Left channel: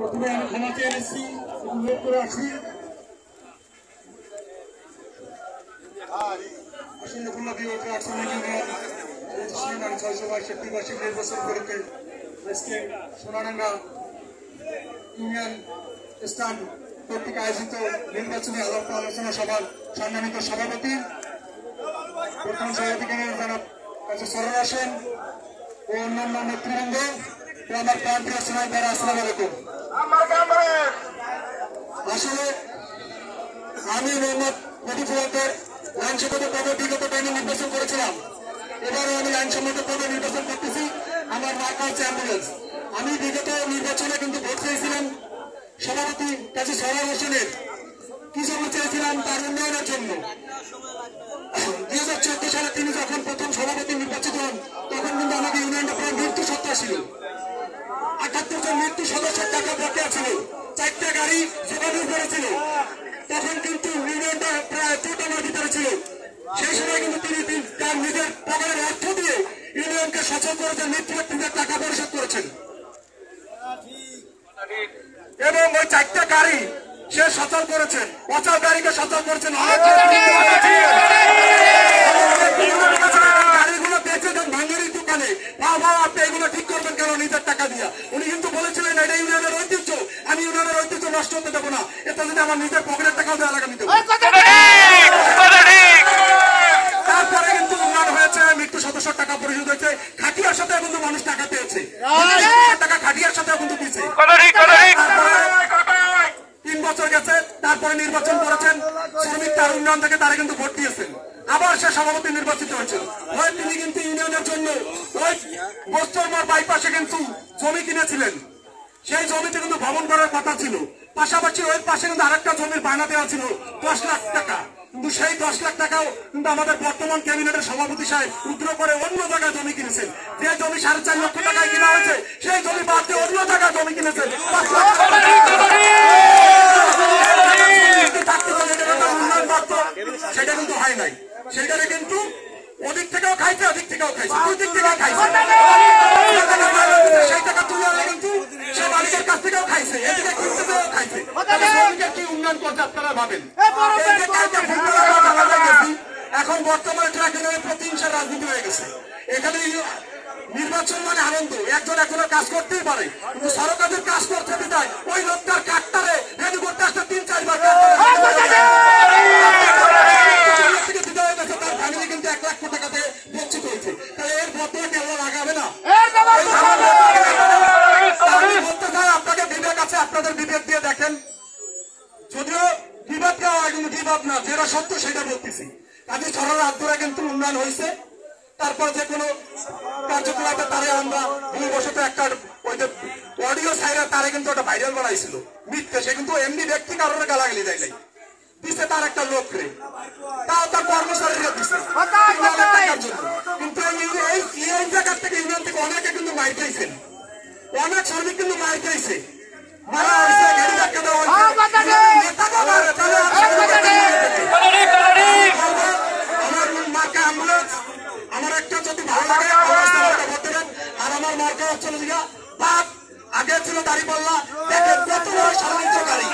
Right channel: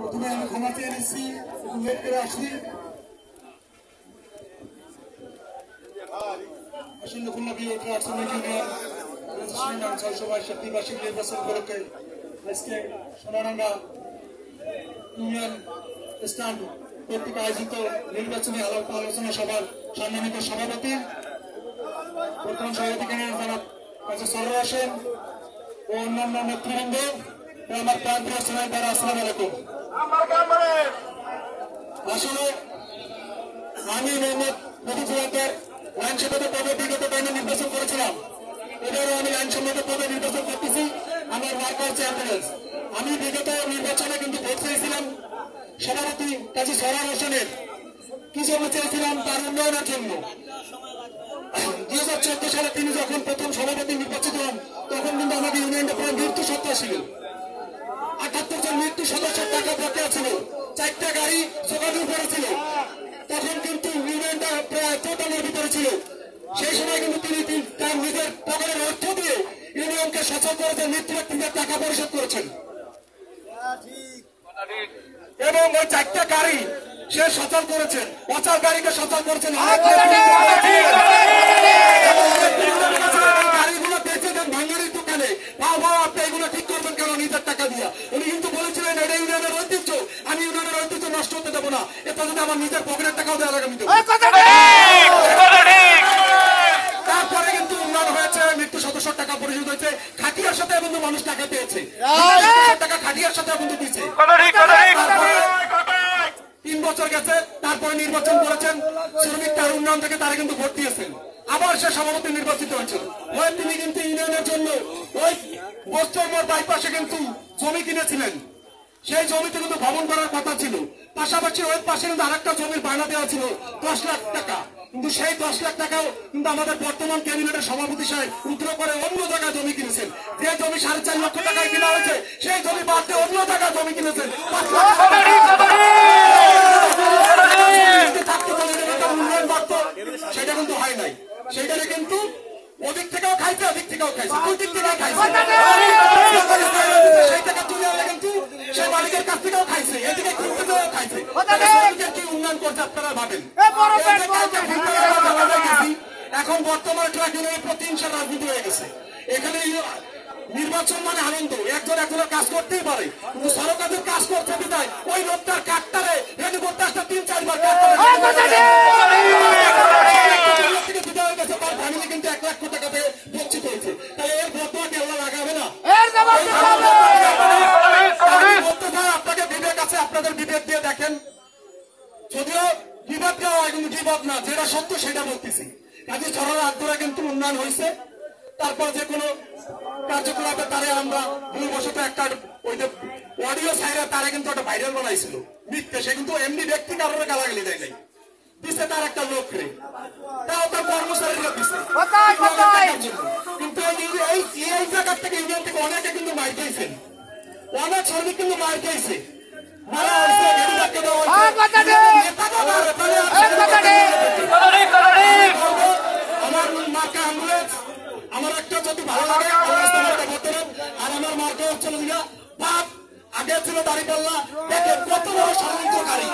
প্রথমে আমি ক্ষমা চেয়ে নিচ্ছি, লেট করে আসছি। আসন্ন খুলনা বিরোধী আর্টসেনিক ইউনিয়ন রেজিস্ট্রেশন নাম 662 বার্ষিক নির্বাচন উপলক্ষে আজকে সোনাডাঙ্গা ইউনিয়ন স্থান কর্তৃক আয়োজিত নির্বাচনী আলাপ আলোচনা সভার সম্মানিত সভাপতি বর্তমান সভাপতি জনাব কাজী সরোয়ার হোসেন ও অন্যান্য নেতৃবৃন্দ ও আমার প্রান্তীয় সময় দ্বারা আসসালামু আলাইকুম। আসলে আমি মোহাম্মদ মফিজুল্লাহর আইনসম্মত পদে বিগত টাইমে নির্বাচন করেছিলাম, এবারও আমি আইনসম্মত পদে নির্বাচন করতেছি। আমার মার্কা হচ্ছে অ্যাম্বুলেন্স। আমি বিগত নির্বাচনে কিন্তু ভোট চেয়েছিলাম সভাপতি কাজী সরোয়ার হোসেনের, কি জন্য চেয়েছিলাম তার উন্নয়নের জন্য। 2014 সালে তিনি যখন প্রথম সভাপতি নির্বাচিত হন তখন কিন্তু আমাদের ইউনিয়নটা প্রায় মৃত্যু সত্তা ছিল। 78 জন মৃত্যু সদস্যের টাকা বকেয়া ছিল, 4টা গাড়ি যোগাযোগ করেছিল। তখন কিন্তু ইউনিয়নটা প্রায় চোটানোর ভিতরে ছিল। সেই সময় কিন্তু তিনি তার নিজের পকেটের অর্থ দিয়ে ইউনিয়নকে সচল করেছেন, মৃত্যুব্যক্তিদের টাকা পরিশোধ করেছেন এবং ওই 4টা গাড়ি সে সচল করেছেন, অচল গাড়িকে সচল করেছেন। গাড়িগুলো বেঁচে দেন ভাঙ্গারির দোকানে, বাবা আপনি এগুলো ঠিক করবেন কেন নিজের টাকা দিয়া। উনি কিন্তু বলেছিলেন এটা ইউনিয়নের ঐতিহ্য, আমি ইউনিয়নের ঐতিহ্য নষ্ট হতে দেবো না, এটা যদি আমার নিজের পকেটের টাকাও দেওয়া লাগে আমি দেবো। তারপরে কিন্তু উন্নয়ন হয়েছে, মৃত্যু সদস্যের টাকা পরিশোধ হয়েছে, খাটিয়ার সাথে কিন্তু মানুষ টাকা পেয়েছে, টাকা খাটিয়ার সাথে কিন্তু দিচ্ছে। 3 বছর গেছে, তারপরে নির্বাচন করেছেন, শ্রমিক তার উন্নয়ন থেকে তারা কিন্তু ভোট দিয়েছেন, আবার সে সভাপতি নির্বাচিত হয়েছেন। হয় তিনি কিন্তু ইউনিয়নের জন্য ওই বস্ত্রমোড় বাইপাসে কিন্তু জমি কিনেছিলেন, সেই জমিতে কিন্তু ভবন করার কথা ছিল। পাশাপাশি ওই পাশে কিন্তু আরেকটা জমির বায়না দেওয়া ছিল 10 লাখ টাকা, কিন্তু সেই 10 লাখ টাকাও কিন্তু আমাদের বর্তমান ক্যাবিনেটের সভাপতি সাহেব উদ্র করে অন্য জায়গায় জমি কিনেছেন। যে জমি 4.5 লক্ষ টাকায় কিনা হয়েছে সেই জমি বাদ দিয়ে অন্য জায়গায় জমি কিনেছেন 5 লাখ উন্নয়ন বাড়ত, সেটা কিন্তু হয় নাই। সেখানে কিন্তু ওদিক থেকেও খাইছে, ওদিক থেকেও খাইছে, দুই দিক থেকেও খাইছে। সেই টাকা তুলে আনে কিন্তু সে মালিকের কাছ থেকেও খাইছে, এদিকে কিনতে পেয়েও খাইছে। কি উন্নয়ন করছে আপনারা ভাবেন? এখন বর্তমানে ট্রাক ইউনিয়নের প্রতিহিংসার রাজনীতি হয়ে গেছে। এখানে নির্বাচন মানে আনন্দ, একজন একজনের কাজ করতেই পারে, কিন্তু সরকারের কাজ করতে বিদায় ওই লোকটার কাঠটারে রেডি করতে আসতে 3-4 বার তার ফ্যামিলি কিন্তু 1 লাখ টাকা থেকে বঞ্চিত হয়েছে। তাহলে এর বদলা কেউ লাগাবে না? বলতে চাই আপনাকে বিবেক আছে, আপনাদের বিবেক দিয়ে দেখেন। যদিও বিবাদ দেওয়া হয় কিন্তু বিবাদ না, যেটা সত্য সেটা বলতেছি। কাজে ছড়ার হাত ধরে কিন্তু উন্নয়ন হয়েছে। তারপর যে কোনো কার্যকলাপে তারে আমরা ভুলবশত একটা ওই যে অডিও সাইরা তারে কিন্তু একটা ভাইরাল বানাইছিল মিথ্যে, সে কিন্তু এমনি ব্যক্তি কারোর গালাগালি দেয় নাই, দিচ্ছে তার একটা লোক রে, তাও তার কর্মচারীরা দিচ্ছে টাকার জন্য। কিন্তু এই জায়গার থেকে ইউনিয়ন থেকে অনেকে কিন্তু মাইর খাইছেন, অনেক শ্রমিক কিন্তু মাইর খাইছে, মারা হয়েছে, গাড়ি ধাক্কা দেওয়া হয়েছে। আমার মার্কা অ্যাম্বুলেন্স, আমার একটা যদি ভালো লাগে ভোট দেবেন। আর আমার মার্কা হচ্ছে বাদ, আগে ছিল দাঁড়িপাল্লা, দেখেন কত বড় সাধারণ গাড়ি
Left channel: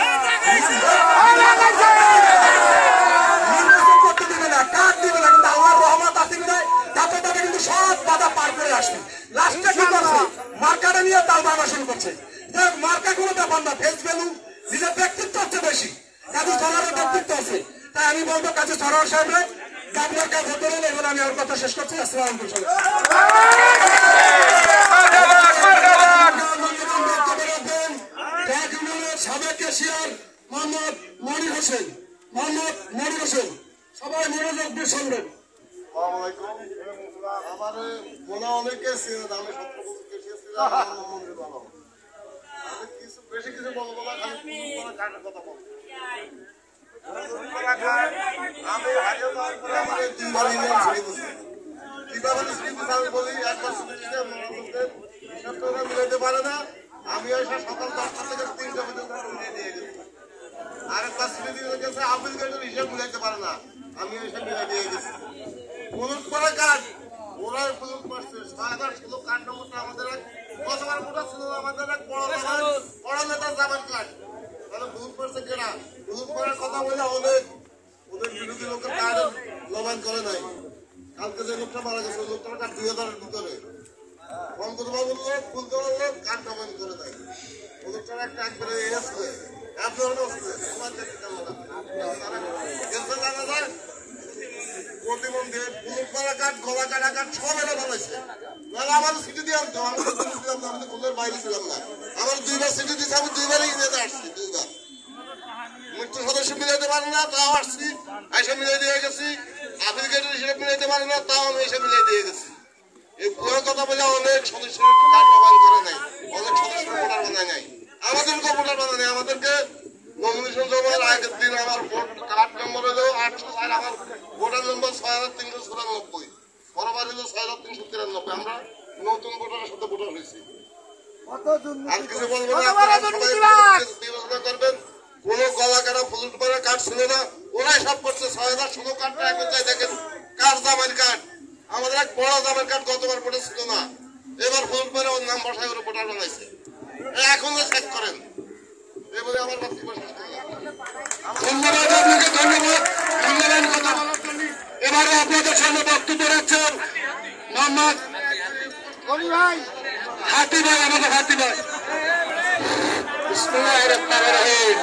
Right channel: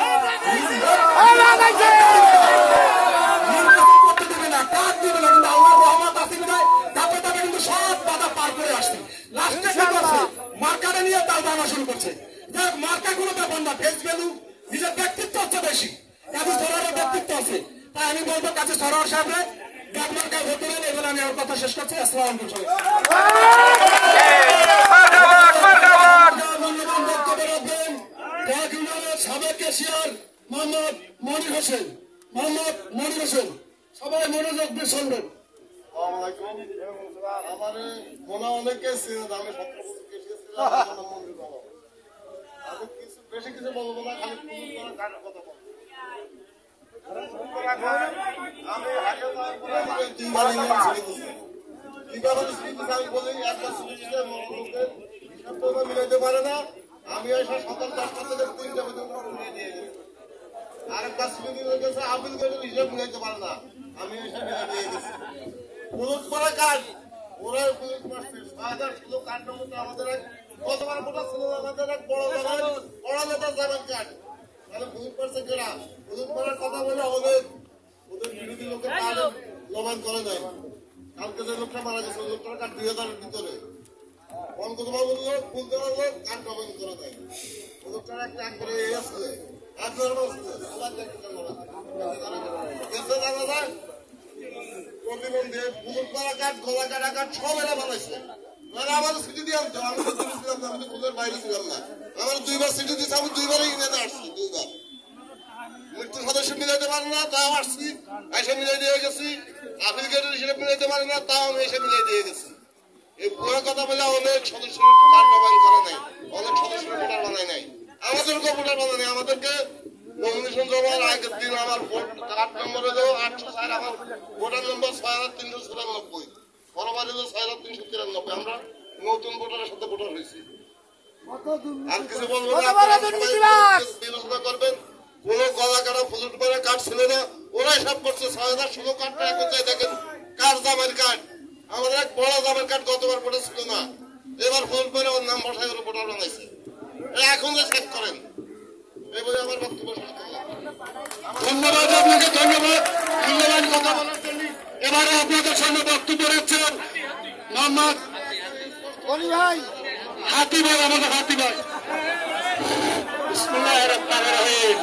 নির্বাচন করতে দেবে না, কাজ দিবে না, কিন্তু আল্লাহর রহমত আসি বিদায় তাতে তাতে কিন্তু সব বাধা পার করে আসবে। লাস্টে কি করছে? মার্কাটা নিয়ে তাল বানা শুরু করছে। মার্কা গুলো ব্যাপার না, ফেস ভ্যালু, নিজের ব্যক্তিত্ব হচ্ছে বেশি, কাজী সরোয়ারের ব্যক্তিত্ব আছে। তাই আমি বলবো কাজী সরোয়ার সাহেবরে আপনার কাজ হতে গেলে এবার আমি আমার কথা শেষ করছি। আসসালামু আলাইকুম। সাবেক ক্যাশিয়ার মোহাম্মদ মনির হোসেন, সবাই মনোযোগ দিয়ে শুনবেন। আমার মনে অনেকে ছিলেন, আমি 17 বছর ক্যাশিয়ার ছিলাম, আমার নাম মনির বাবা। আমি বেশি কিছু বলবো না, খালি কাজের কথা বলবো। আমি হাজার আমার 3 বার ইউনিয়ন ছেড়ে দিচ্ছি। কিভাবে ছেড়ে দিচ্ছে আমি বলি, একবার ছেড়ে দিচ্ছে লোকের হিসাব তো মিলাইতে পারে না। আমি আসা সকাল 10টা থেকে 3টা পর্যন্ত মিলিয়ে দিয়ে গেছি। আরেকবার ছেড়ে দিয়ে গেছে আপিল গেটের হিসাব মিলাইতে পারে না, আমি হিসাব মিলাই দিয়ে গেছি। পুলুক পরে কাজ, ওরা পুলুক মারছে 6016 কার্ড নম্বরটা আমাদের এক গতবার মোটা ছিল, আমাদের এক বড় নেতা করার কথা বলে অনেক ওদের বিরোধী লোকের কার্ড লবান করে নাই। কালকে যে লোকটা মারা গেছে ওই লোকটার কার্ড 2000-এর ভিতরে বঙ্গবন্ধুর লোক ফুলতে পারলো কার্ড লবান করে নাই। ওই লোকটার একটা একবারে আছে এক ধরনের আছে আমার দেখতে জানা যায় প্রতিবন্ধী ফুল করা কার্ড গলা কাটা কার্ড সব এরা বানাইছে। আমার সিটি দিয়ে আনতো আমি ছিলাম না, আমি তো ফুলের বাইরে ছিলাম না। আমার 2বার সিটি দিচ্ছে, আমি 2বারই ইউনিয়নে আসছি। 2বার মৃত্যু সদস্য মিলাইতে পারে না তাও আসছি, এসে মিলাই দিয়ে গেছি। আফ্রিকেটের হিসেবে মিলাইতে পারে না তাও আমি এসে মিলাই দিয়ে গেছি। এই পুরো কথা বলে অনেক সদস্য কার্ড বানান করে নাই, অনেক সদস্য ভোটার বানায় নাই। আমাদেরকে ভোটার বানায় নাই, আমাদেরকে নমিনেশন জমার আগের দিন আমার ভোট কার্ড নম্বর হলো 804, আমার ভোটার নম্বর 6394, বরাবর হলো 6393। আমরা নতুন ভোটারের সাথে ভোটার হয়েছি। আর কিছু বলবো না, আপনারা সবাই বিবেচনা করবেন। কোন গলা কাটা ফুল করে কার্ড ছিল না, ওরাই সব করছে। 6016 কার্ডটা এখন যাই দেখেন কার জামের কার্ড। আমাদের এক বড় জামের কার্ড গতবার ভোটে ছিল না, এবার ফুল করে ওর নাম বসায় ওর ভোটার বানাইছে। এখন চেক করেন। এই বলে আমার বক্তব্য শেষ করলাম। ধন্যবাদ আপনাকে, ধন্যবাদ মূল্যবান কথা বলার জন্য। এবারে আপনাদের সামনে বক্তব্য রাখছেন মোহাম্মদ হাতি ভাই, আমাদের হাতি ভাই। বিসমিল্লাহির রহমানির রহিম।